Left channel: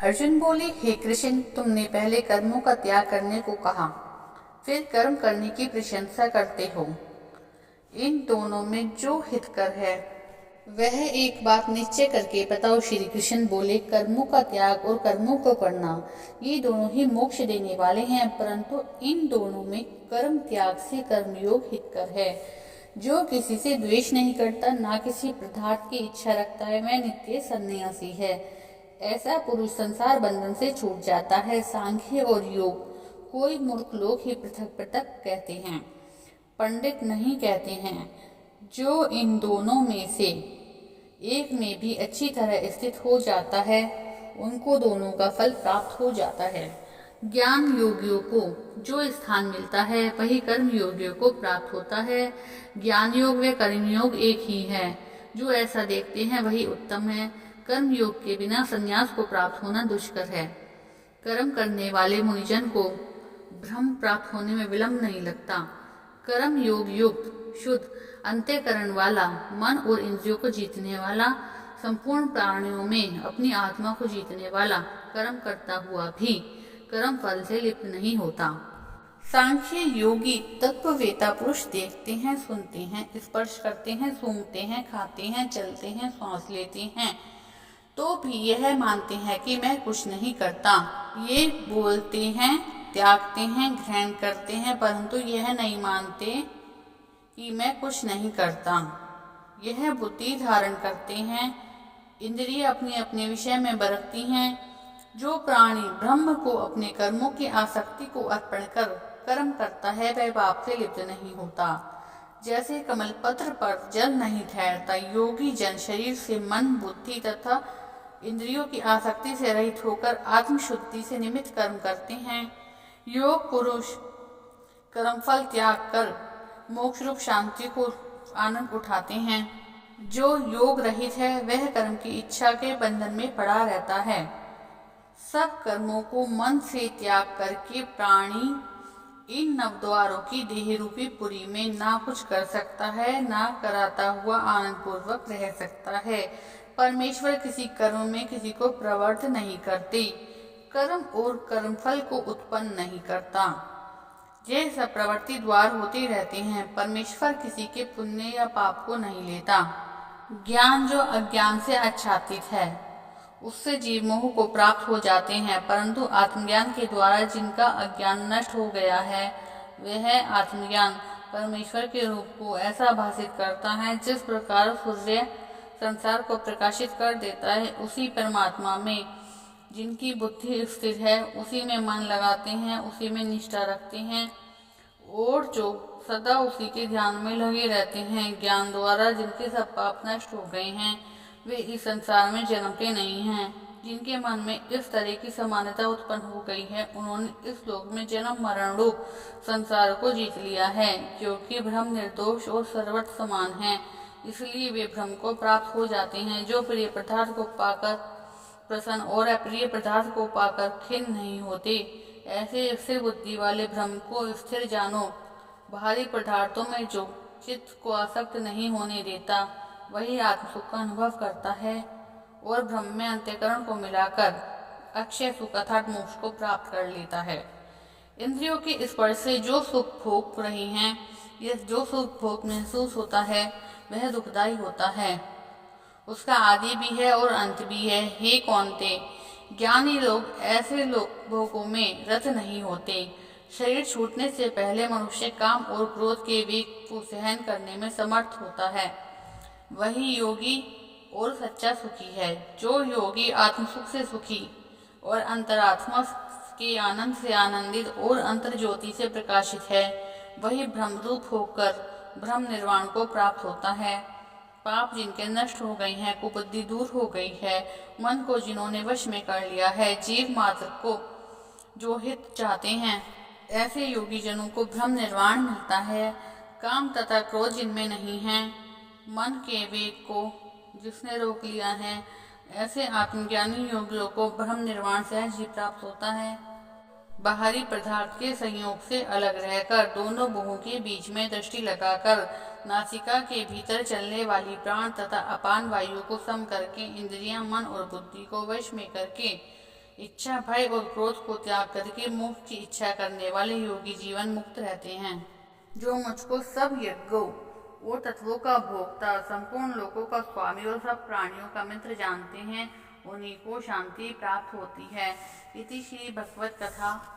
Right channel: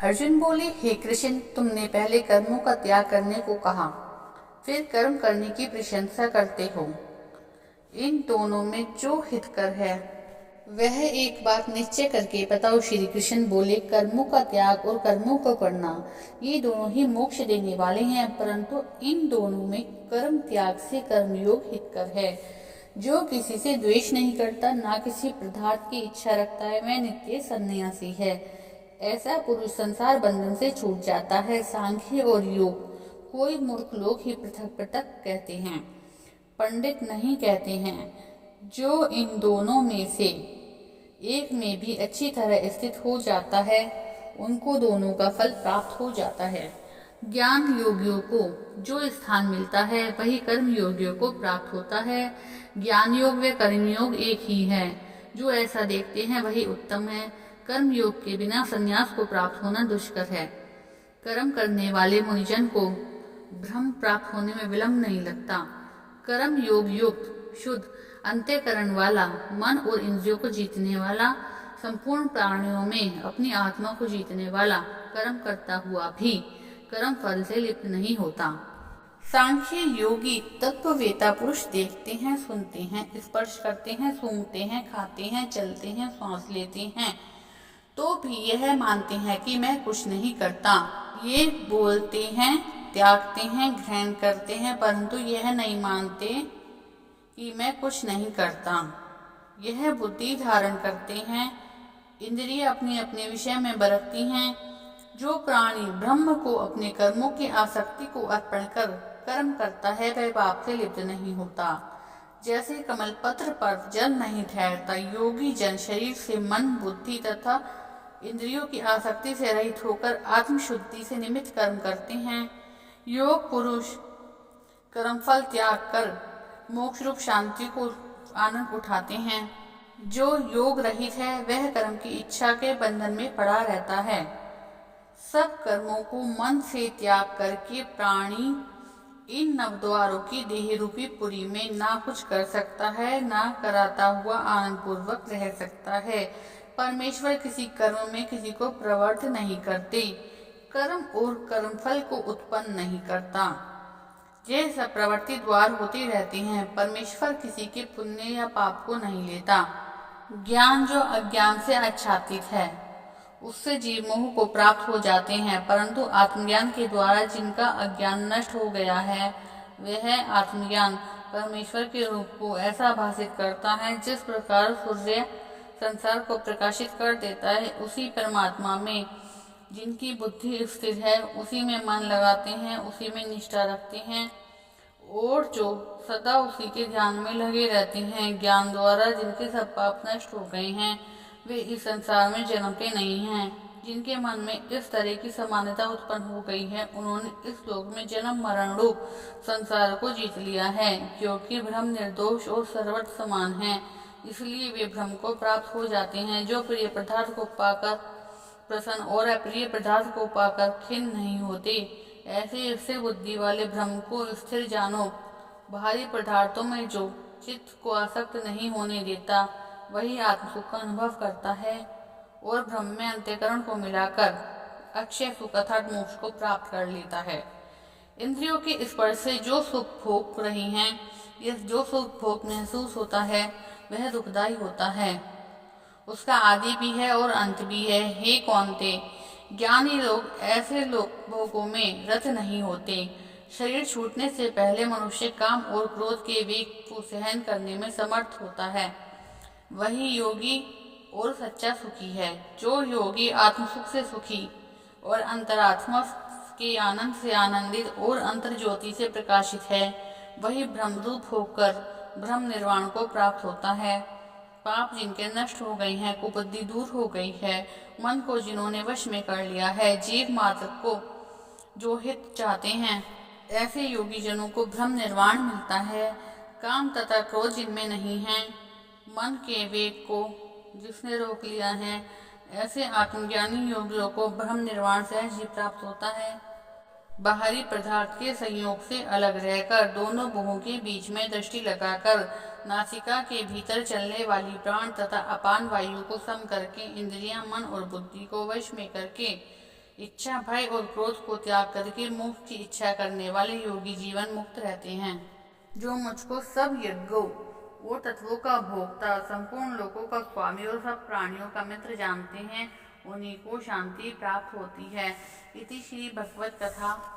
अर्जुन बोले, हे कृष्ण, तुमने पहले कर्मों का त्याग करने को कहा, फिर कर्म करने की प्रशंसा करते हो। इन दोनों में जो हितकर है वह एक बात निश्चय करके बताओ। श्री कृष्ण बोले, कर्मों का त्याग और कर्मों को करना ये दोनों ही मोक्ष देने वाले हैं, परंतु इन दोनों में कर्म त्याग से कर्मयोग हितकर है। जो किसी से द्वेष नहीं करता, ना किसी पदार्थ की इच्छा रखता है, वह नित्य सन्यासी है। ऐसा पुरुष संसार बंधन से छूट जाता है। सांख्य और योग कोई मूर्ख लोग ही पृथक पृथक कहते हैं, पंडित नहीं कहते हैं। जो इन दोनों में से एक में भी अच्छी तरह स्थित हो जाता है, उनको दोनों का फल प्राप्त हो जाता है। ज्ञान योगियों को जो स्थान मिलता है वही कर्म योगियों को प्राप्त होता है। ज्ञान योग व कर्म योग एक ही है। जो ऐसा देखते हैं वही उत्तम है। कर्म योग के बिना संन्यास को प्राप्त होना दुष्कर है। कर्म करने वाले मुनिजन को ब्रह्म प्राप्त होने में विलंब नहीं लगता। कर्म योग युक्त शुद्ध अंतःकरण वाला, मन और इंद्रियों को जीतने वाला, संपूर्ण प्राणियों में अपनी आत्मा को जीतने वाला कर्म करता हुआ भी कर्म फल से लिप्त नहीं होता। सांख्य योगी तत्ववेता पुरुष देखते हैं, सुनते हैं, स्पर्श करते हैं, सूंघते हैं, खाते हैं, चलते हैं, सांस लेते हैं, तो भी यह मानते हैं कि मैं कुछ नहीं करता। ये बोलते हैं, त्यागते हैं, ग्रहण करते हैं, परंतु यह नहीं मानते कि मैं कुछ नहीं करता। यह बुद्धि धारण करते हैं। इंद्रिय अपने अपने विषय में बरतती हैं। जो प्राणी ब्रह्म को अपने कर्मों की आसक्ति को अर्पण कर कर्म करता है वह पाप से लिप्त नहीं होता। जैसे कमल पत्र पर जल नहीं ठहरता, योगी जन शरीर से मन, बुद्धि तथा इंद्रियों की आसक्ति से रहित होकर आत्मशुद्धि से निमित्त कर्म करते हैं। योग पुरुष कर्मफल त्याग कर मोक्ष रूप शांति को आनंद उठाते हैं। जो योग रहित है वह कर्म की इच्छा के बंधन में पड़ा रहता है। सब कर्मों को मन से त्याग करके प्राणी इन नवद्वारों की देह रूपी पुरी में ना कुछ कर सकता है, ना कराता हुआ आनंद पूर्वक रह सकता है। परमेश्वर किसी कर्म में किसी को प्रवृत्त नहीं करते, कर्म और कर्मफल को उत्पन्न नहीं करता। ये सब प्रवृत्ति द्वार होते रहते हैं। परमेश्वर किसी के पुण्य या पाप को नहीं लेता। ज्ञान जो अज्ञान से आच्छादित है उससे जीव मोह को प्राप्त हो जाते हैं, परंतु आत्मज्ञान के द्वारा जिनका अज्ञान नष्ट हो गया है वह आत्मज्ञान परमेश्वर के रूप को ऐसा भाषित करता है। जिस प्रकार सूर्य संसार को प्रकाशित कर देता है, उसी परमात्मा में जिनकी बुद्धि स्थिर है, उसी में मन लगाते हैं, उसी में निष्ठा रखते हैं और जो सदा उसी के ध्यान में लगे रहते हैं। ज्ञान द्वारा जिनके सब पाप नष्ट हो गए हैं वे इस संसार में जन्मते नहीं हैं। जिनके मन में इस तरह की समानता उत्पन्न हो गई है, उन्होंने इस लोक में जन्म मरण रूप संसार को जीत लिया है। क्योंकि ब्रह्म निर्दोष और सर्वत्र समान है, इसलिए वे ब्रह्म को प्राप्त हो जाते हैं। जो प्रिय पदार्थ को पाकर प्रसन्न और अप्रिय पदार्थ को पाकर खिन्न नहीं होते, ऐसे स्थिर बुद्धि वाले ब्रह्म को स्थिर जानो। बाहरी पदार्थों में जो चित्त को आसक्त नहीं होने देता वही आत्मसुख का अनुभव करता है और ब्रह्म में अंतःकरण को मिलाकर अक्षय सुख अर्थात मोक्ष को प्राप्त कर लेता है। इंद्रियों के स्पर्श से जो सुख भोग रही हैं, यह जो सुख भोग महसूस होता है वह दुखदायी होता है। उसका आदि भी है और अंत भी है। हे कौन्ते, ज्ञानी लोग ऐसे लोग भोगों में रत नहीं होते। शरीर छूटने से पहले मनुष्य काम और क्रोध के वेग को सहन करने में समर्थ होता है। वही योगी और सच्चा सुखी है। जो योगी आत्मसुख से सुखी और अंतरात्मा के आनंद से आनंदित और अंतर ज्योति से प्रकाशित है, वही ब्रह्मरूप होकर ब्रह्म निर्वाण को प्राप्त होता है। पाप जिनके नष्ट हो गए हैं, कुबुद्धि दूर हो गई है, मन को जिन्होंने वश में कर लिया है, जीव मात्र को जो हित चाहते हैं, ऐसे योगी जनों को ब्रह्म निर्वाण मिलता है। काम तथा क्रोध जिनमें नहीं है, मन के वेग को जिसने रोक लिया है, ऐसे आत्मज्ञानी योगियों को ब्रह्म निर्वाण सहज ही प्राप्त होता है। बाहरी पदार्थ के संयोग से अलग रहकर दोनों भुवों के बीच में दृष्टि लगाकर नासिका के भीतर चलने वाली प्राण तथा अपान वायु को सम करके इंद्रियां, मन और बुद्धि को वश में करके इच्छा, भय और क्रोध को त्याग करके मोक्ष की इच्छा करने वाले योगी जीवन मुक्त रहते हैं। जो मुझको सब यज्ञों और तत्वों का भोक्ता, संपूर्ण लोकों का स्वामी और सब प्राणियों का मित्र जानते हैं, उन्हीं को शांति प्राप्त होती है। इति श्री भगवत कथा